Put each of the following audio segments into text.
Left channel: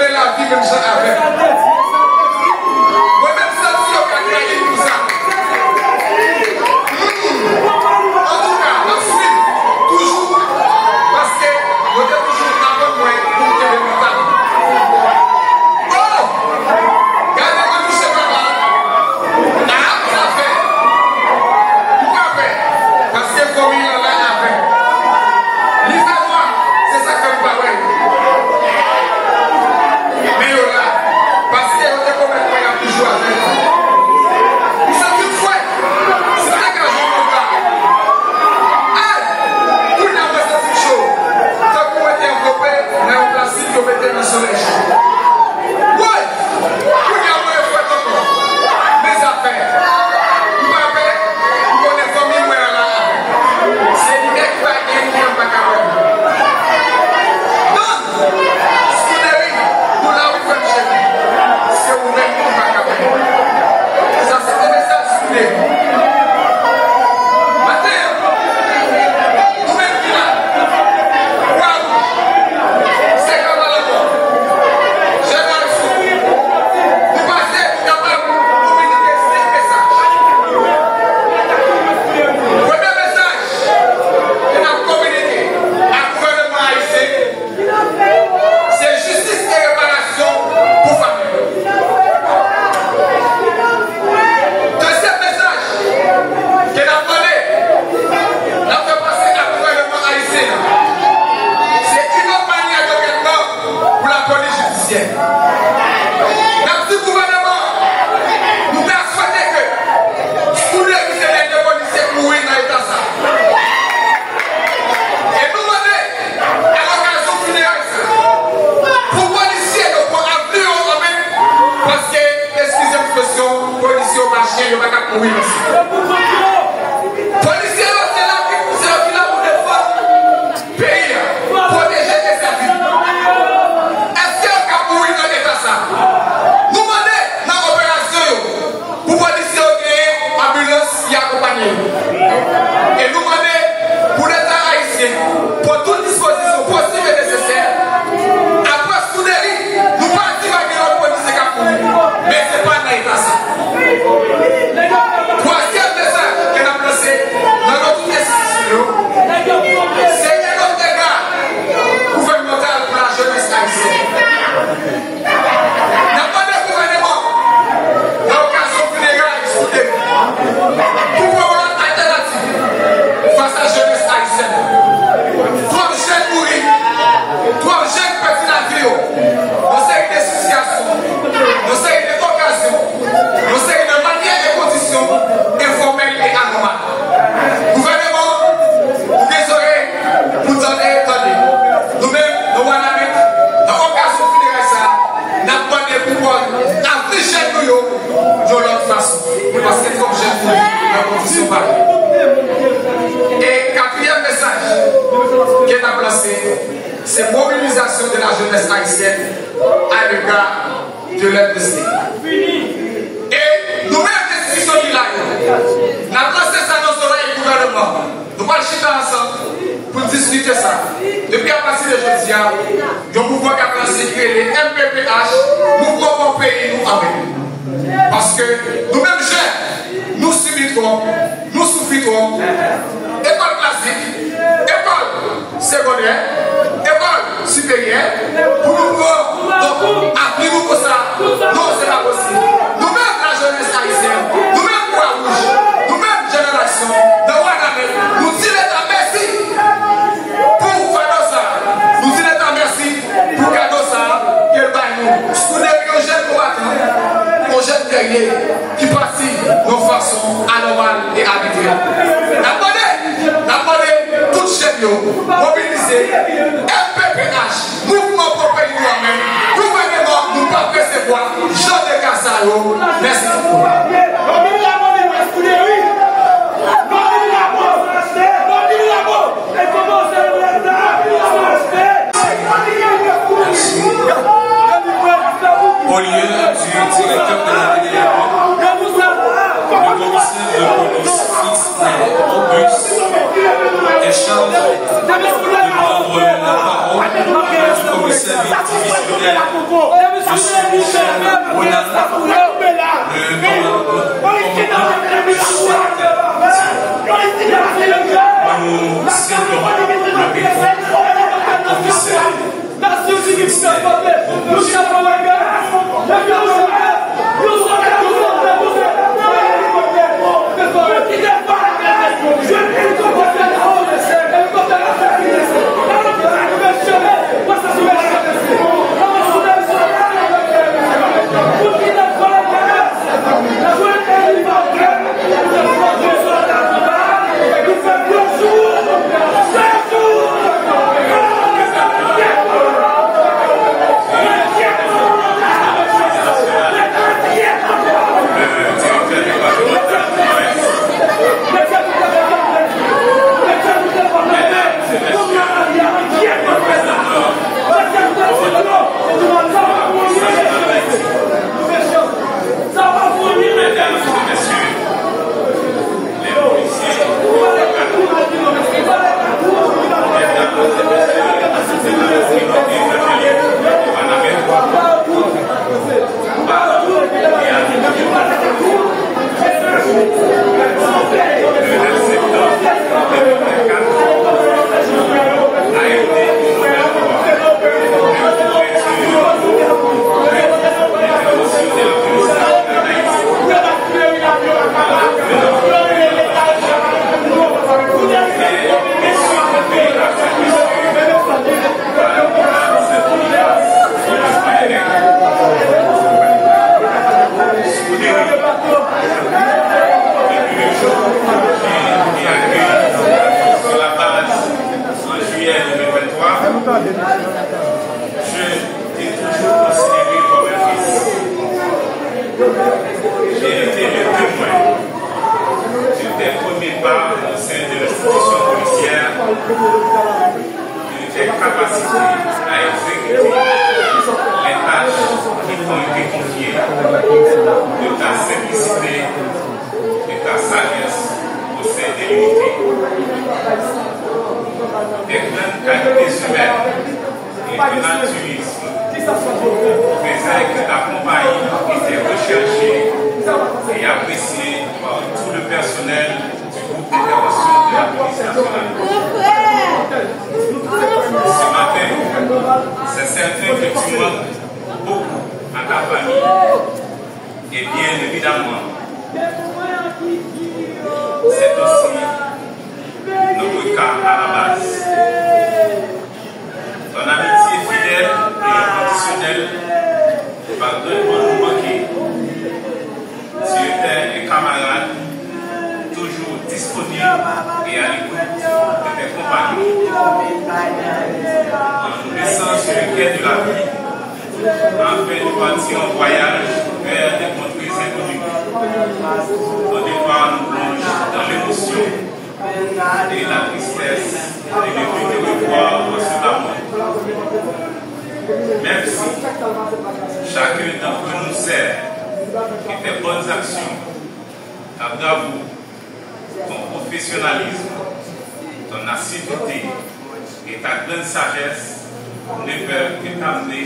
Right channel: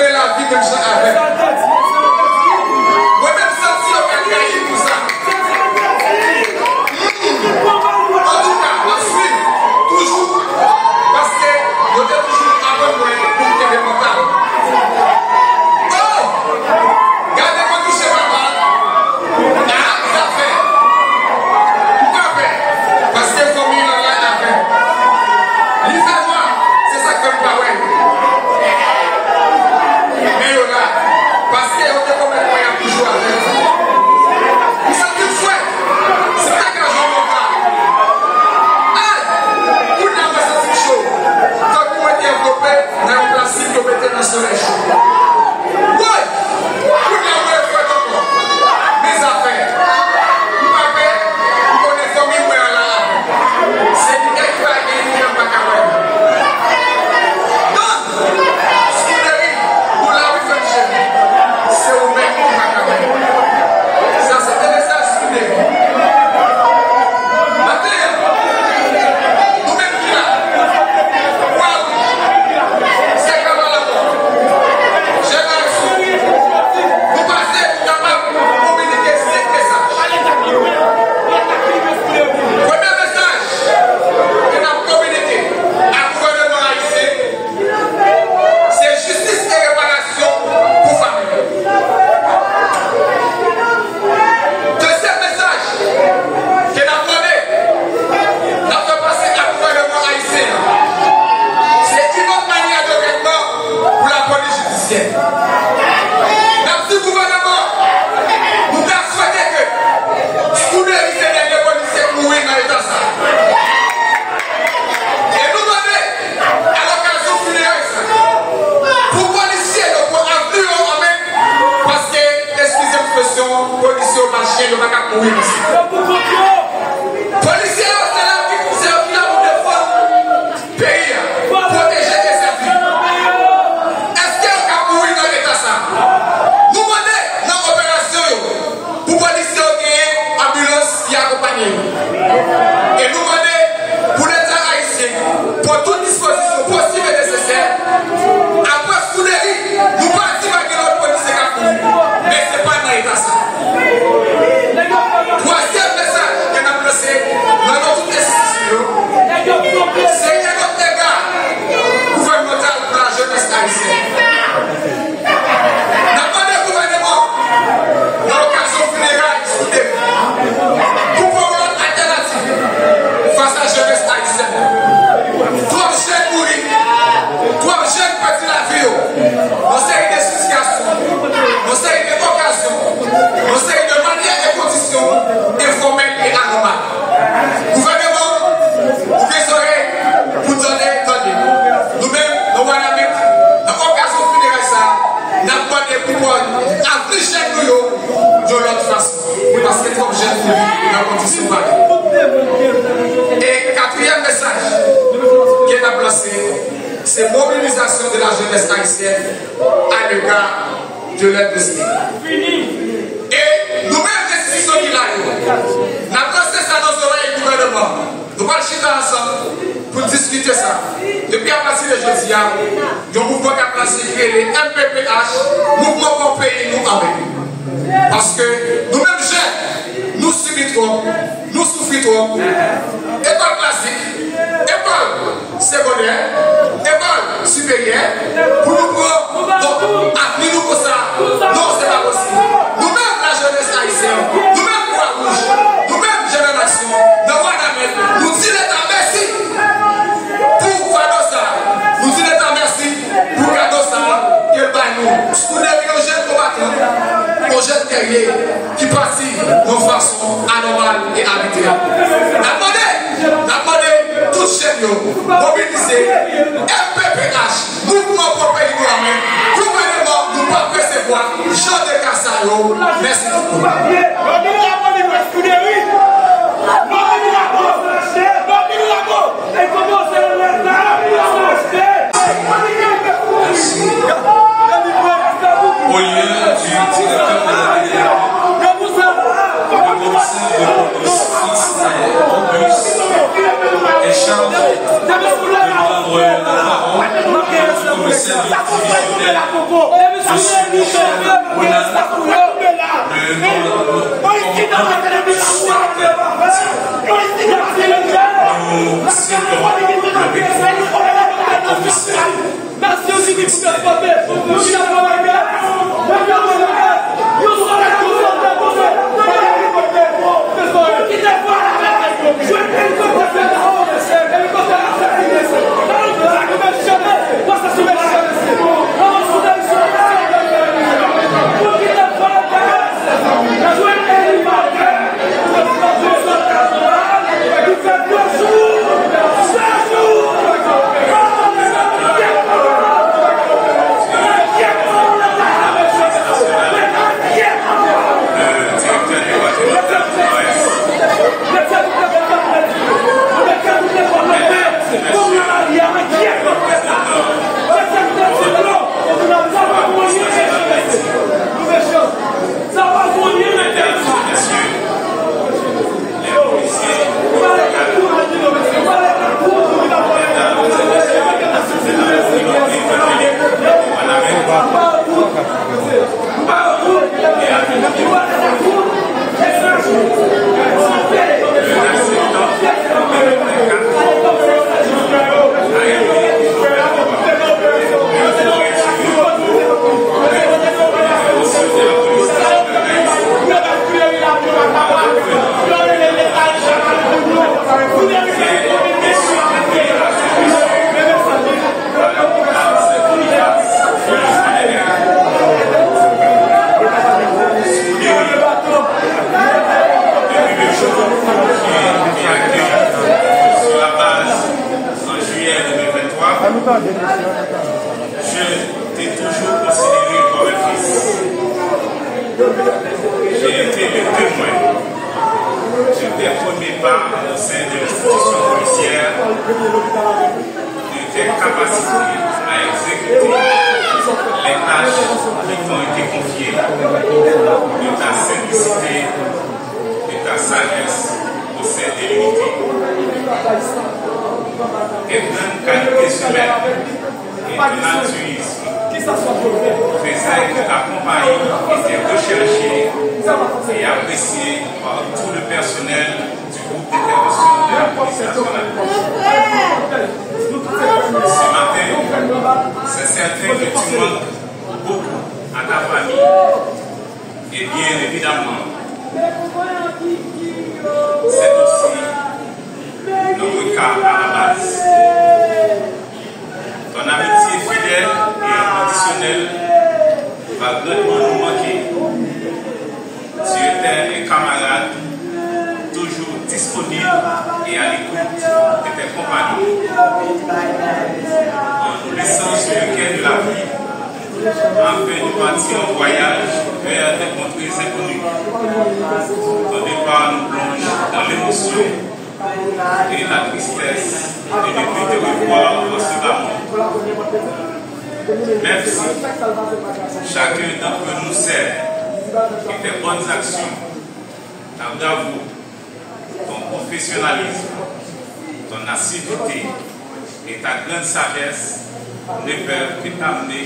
mener la vie même ça avec. Moi-même, ça, si on fait créer tout ça. En tout cas, on suit toujours parce que vous êtes toujours avant moi pour qu'il y ait des mentales. Oh! Regardez-moi toucher ma balle. Ah, ça fait. Tout à fait. Parce que faut mieux là après. Lisez-moi, c'est ça comme parole. Mais là, parce que on est complètement toujours avec. Ils sont tous faits. C'est un garçon mon gars. Hey! Tout le monde c'est chaud. Quand vous êtes enveloppé dans un plastique, vous mettez dans le soleil chaud. Ouais! Tout le monde est fait encore. Mes affaires. Vous m'avez, vous connaissez famille, moi là. C'est du gars qui va gagner, vous n'êtes pas capable. Non! Scuderi, nous l'avons fait chez nous. C'est un mec qui va capable. Ça, c'est un message Scuderi. Maintenant, nous-mêmes qui là, waouh! C'est comme à la mort. J'ai mal sous. Vous passez, vous capable de communiquer ces messages. Premier message que nous avons communiqué à gouvernement haïtien, c'est justice et réparation pour famille. Deuxième message que nous avons demandé, nous avons fait passer à gouvernement haïtien, c'est une autre manière de règlement pour la police judiciaire. Dans ce gouvernement, nous persuadons que Scuderi, c'est les policiers mourir dans l'état ça. Et nous demandons à l'occasion funéraire pour policiers de pour avenir en main parce que, excusez l'expression, policiers au marché, ils ne vont pas mourir ici. Policiers, c'est là qui vous servent là pour défendre le pays, protéger les services. Est-ce qu'on va mourir dans l'état ça? Nous demandons dans l'opération pour policiers qui ont ambulance qui accompagnent. Et nous demandons pour l'État haïtien, pour toute disposition possible et nécessaire, après Scuderi, nous partons avec notre police qui a couru. Mais ce n'est pas dans l'État ça. Troisième message que nous avons lancé dans notre institution, c'est un autre dégât gouvernemental pour la jeunesse haïtienne. Nous avons demandé au gouvernement, dans l'occasion funéraire, pour pouvoir une alternative face à la jeunesse haïtienne. Toi, jeunes mourir, toi, jeunes perdre la vie, on sait des situations, on sait des occasions, on sait de manières et conditions informelles et anormales. Gouvernement, vous désolez, vous donnez, attendez. Nous-mêmes, nous allons mettre dans l'occasion funéraire ça, nous avons demandé pour afficher nous de l'autre façon. Parce que comme jeunes mourir, dans conditions pareilles. Et quatrième message qui est placé, c'est mobilisation de la jeunesse haïtienne à l'égard de l'aide de l'État. Et nous-mêmes, les institutions qui l'ont, nous avons placé ça dans nos oreilles du gouvernement. Nous allons chuter ensemble pour discuter ça. Depuis à partir de jeudi, il y a un mouvement qui a placé les MPPH, mouvement pour payer nous en même. Parce que nous-mêmes, jeunes, nous subissons, nous souffrons. École classique, école secondaire, école supérieure, pour nous appeler nous pour ça, non, c'est pas possible. Nous-mêmes, la jeunesse haïtienne, nous-mêmes, Croix-Rouge, nous-mêmes, génération, de Ouadamel, nous disons l'État merci pour faire ça. Nous disons l'État merci pour faire ça, qu'il baille nous. Scuderi, aux jeunes combattants, aux jeunes guerriers qui participent de façon anormale et arbitraire. D'après toutes ces mobilisées, MPPH, mouvement pour pays nous-mêmes, gouvernement, nous ne pouvons pas recevoir Jean de Cassayo. Merci beaucoup. Au lieu du directeur de la DGA, le commissaire de police fixe et robuste échange de envoyer la parole comme service divisionnaire. Je suis Michel Bonazza, nous servons le commissaire. J'ai toujours considéré comme un fils. J'ai été le témoin des premiers pas au sein de l'institution policière, de tes capacités à exécuter les tâches qui t'ont été confiées, de ta simplicité, de ta sagesse au sein de l'unité. Tes grandes qualités humaines et du naturisme faisaient que ta compagnie était recherchée et appréciée par tout le personnel du groupe d'intervention de la police nationale. Ce matin, c'est certain que tu manques beaucoup à ta famille et bien évidemment, c'est aussi notre cas à la base. Ton amitié fidèle et inconditionnelle va grandement nous manquer. Tu étais un camarade toujours disponible et à l'écoute de tes compagnons. En nous laissant sur le quai de la vie, en fait de partir en voyage vers des contrées inconnues. Au départ, nous plonge dans l'émotion et la tristesse de ne plus te revoir constamment. Même si chacun d'entre nous sert et tes bonnes actions, ta bravoure, ton professionnalisme, ton assiduité et ta grande sagesse ne peuvent que t'amener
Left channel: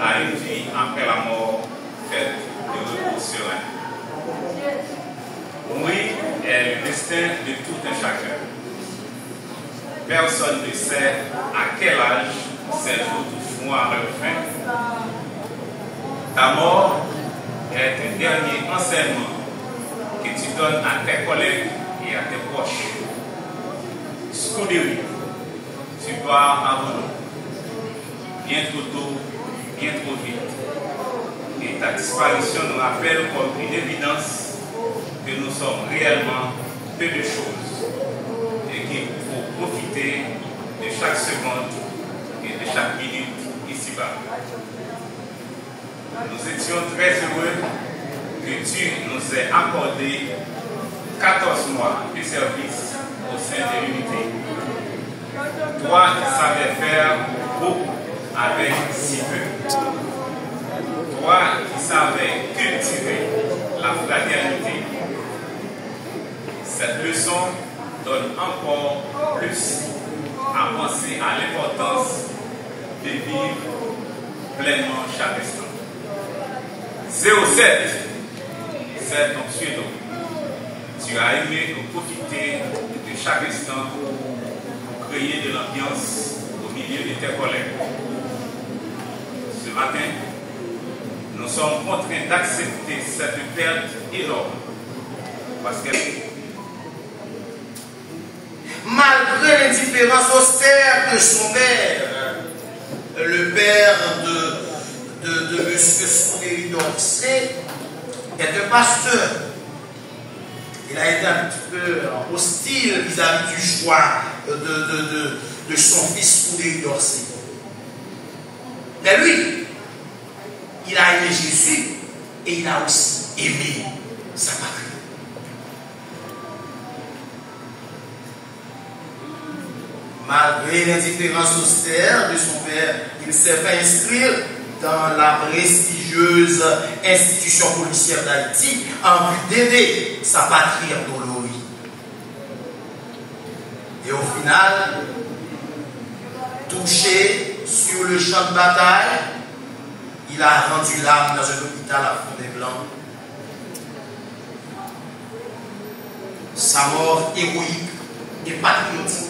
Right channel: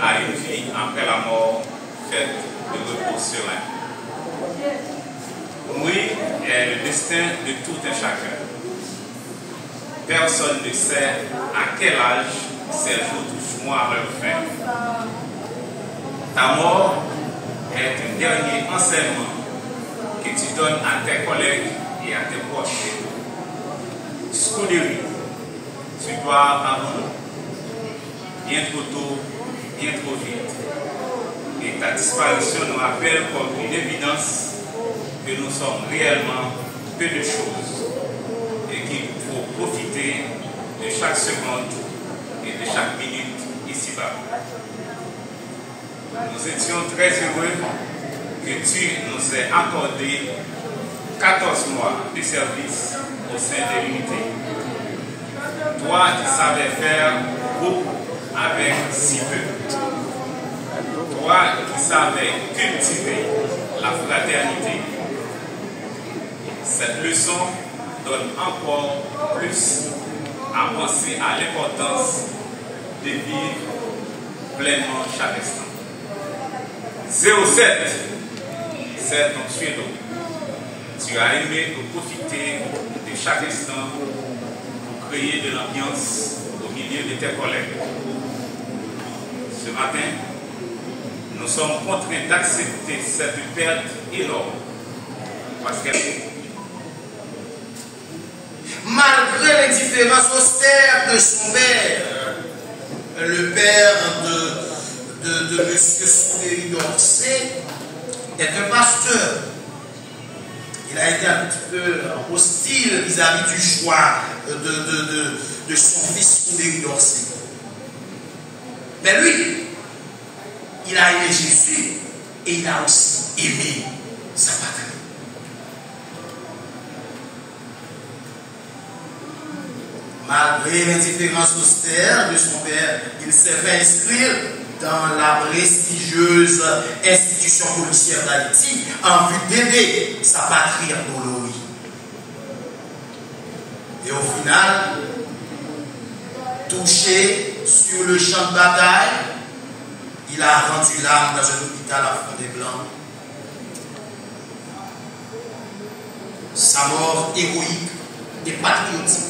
à une vie après la mort faite de repos serein. Mourir est le destin de tout un chacun. Personne ne sait à quel âge ces jours toucheront à leur fin. Ta mort est un dernier enseignement que tu donnes à tes collègues et à tes proches. Scudéry, tu pars avant nous, bien trop tôt, bien trop vite. Et ta disparition nous rappelle comme une évidence que nous sommes réellement peu de choses et qu'il faut profiter de chaque seconde et de chaque minute ici-bas. Nous étions très heureux que tu nous aies accordé 14 mois de service au sein de l'unité. Toi qui savais faire beaucoup avec si peu. Toi qui savais cultiver la fraternité. Cette leçon donne encore plus à penser à l'importance de vivre pleinement chaque instant. 07, c'est ton suédois. Tu as aimé profiter de chaque instant pour créer de l'ambiance au milieu de tes collègues. Ce matin, nous sommes contraints d'accepter cette perte énorme parce que malgré l'indifférence austère de son père, le père de M. Soudéry d'Orsay est un pasteur. Il a été un petit peu hostile vis-à-vis du choix de son fils Soudéry d'Orsay. Mais lui, il a aimé Jésus et il a aussi aimé sa patrie. Malgré l'indifférence austère de son père, il s'est fait inscrire dans la prestigieuse institution policière d'Haïti en vue d'aider sa patrie endolorie. Et au final, touché sur le champ de bataille, il a rendu l'âme dans un hôpital à Fondé-Blanc. Sa mort héroïque et patriotique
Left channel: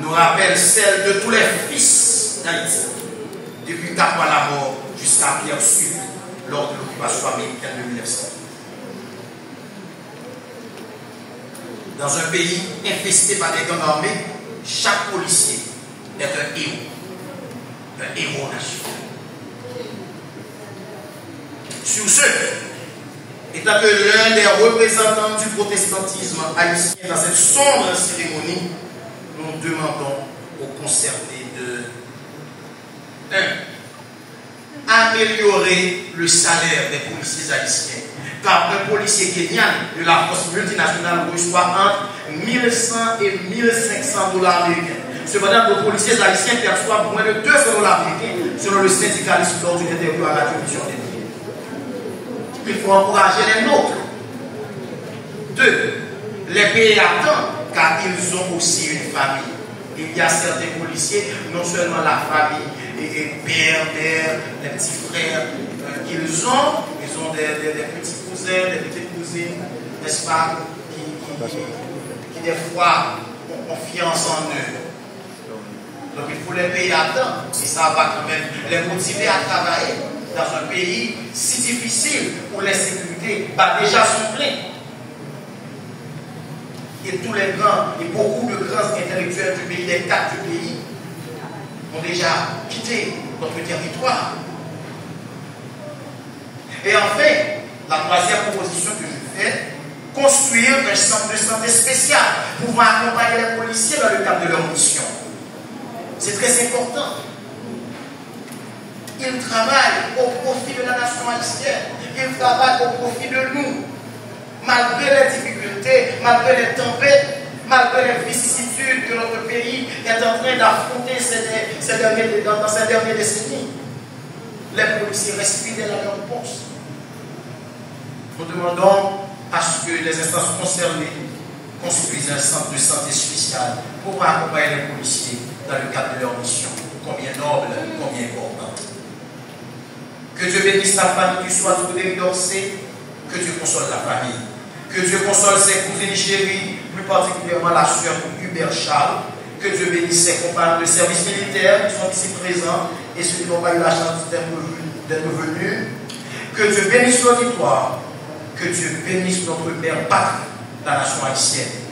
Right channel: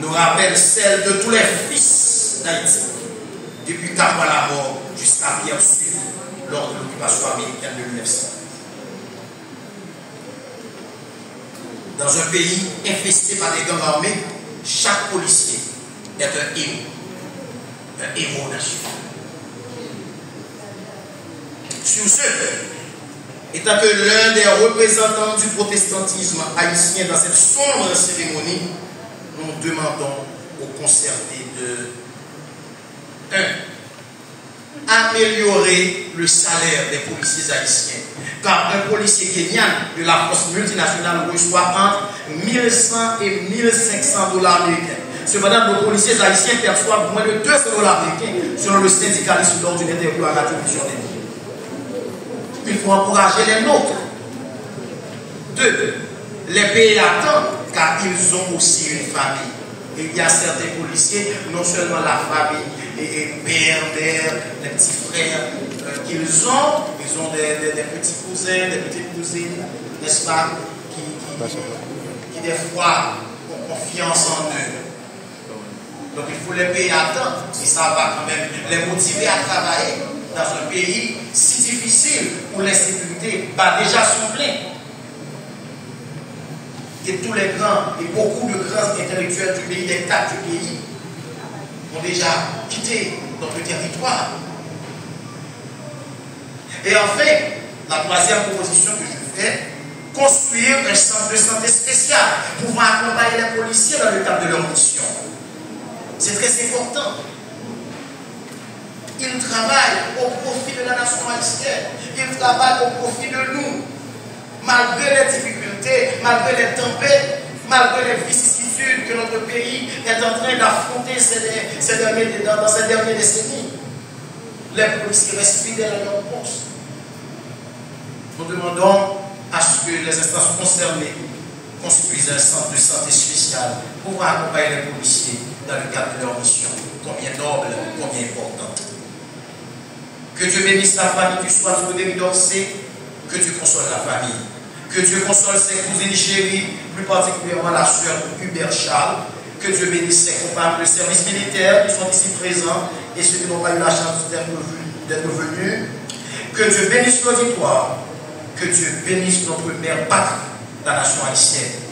nous rappelle celle de tous les fils d'Haïti, depuis Taboua la mort jusqu'à Pierre Sud, lors de l'occupation américaine de 1900. Dans un pays infesté par des gangs armés, chaque policier est un héros national. Sur ce, étant que l'un des représentants du protestantisme haïtien dans cette sombre cérémonie, nous demandons aux concernés de 1. Améliorer le salaire des policiers haïtiens. Car un policier kenyan de la force multinationale reçoit entre 1100 et 1500 dollars américains. Cependant, nos policiers haïtiens perçoivent moins de 200 dollars américains selon le syndicaliste lors d'une interview à la télévision. Il faut encourager les nôtres. 2. Les pays attendent car ils ont aussi une famille. Il y a certains policiers, non seulement la famille, et père, mère, des petits frères qu'ils ont, ils ont des petits cousins, des petites cousines, n'est-ce pas, qui des fois ont confiance en eux. Donc il faut les payer à temps, et ça va quand même les motiver à travailler dans un pays si difficile où l'insécurité bat déjà son plein. Et tous les grands, et beaucoup de grands intellectuels du pays, des 4 du pays, ont déjà quitté notre territoire. Et enfin, la troisième proposition que je fais, construire un centre de santé spécial pouvant accompagner les policiers dans le cadre de leur mission. C'est très important. Ils travaillent au profit de la nation haïtienne. Ils travaillent au profit de nous. Malgré les difficultés, malgré les tempêtes, malgré les vicissitudes que notre pays est en train d'affronter dans ces dernières décennies, les policiers respirent la grande poste. Nous demandons à ce que les instances concernées construisent un centre de santé spécial pour accompagner les policiers dans le cadre de leur mission, combien noble, combien importante. Que Dieu bénisse la famille du soir de Soudéry d'Orsay, que Dieu console la famille. Que Dieu console ses cousines chéries, plus particulièrement la sœur Hubert Charles. Que Dieu bénisse ses compagnons de service militaire qui sont ici présents et ceux qui n'ont pas eu la chance d'être venus. Que Dieu bénisse l'auditoire. Que Dieu bénisse notre Père patrie, la nation haïtienne.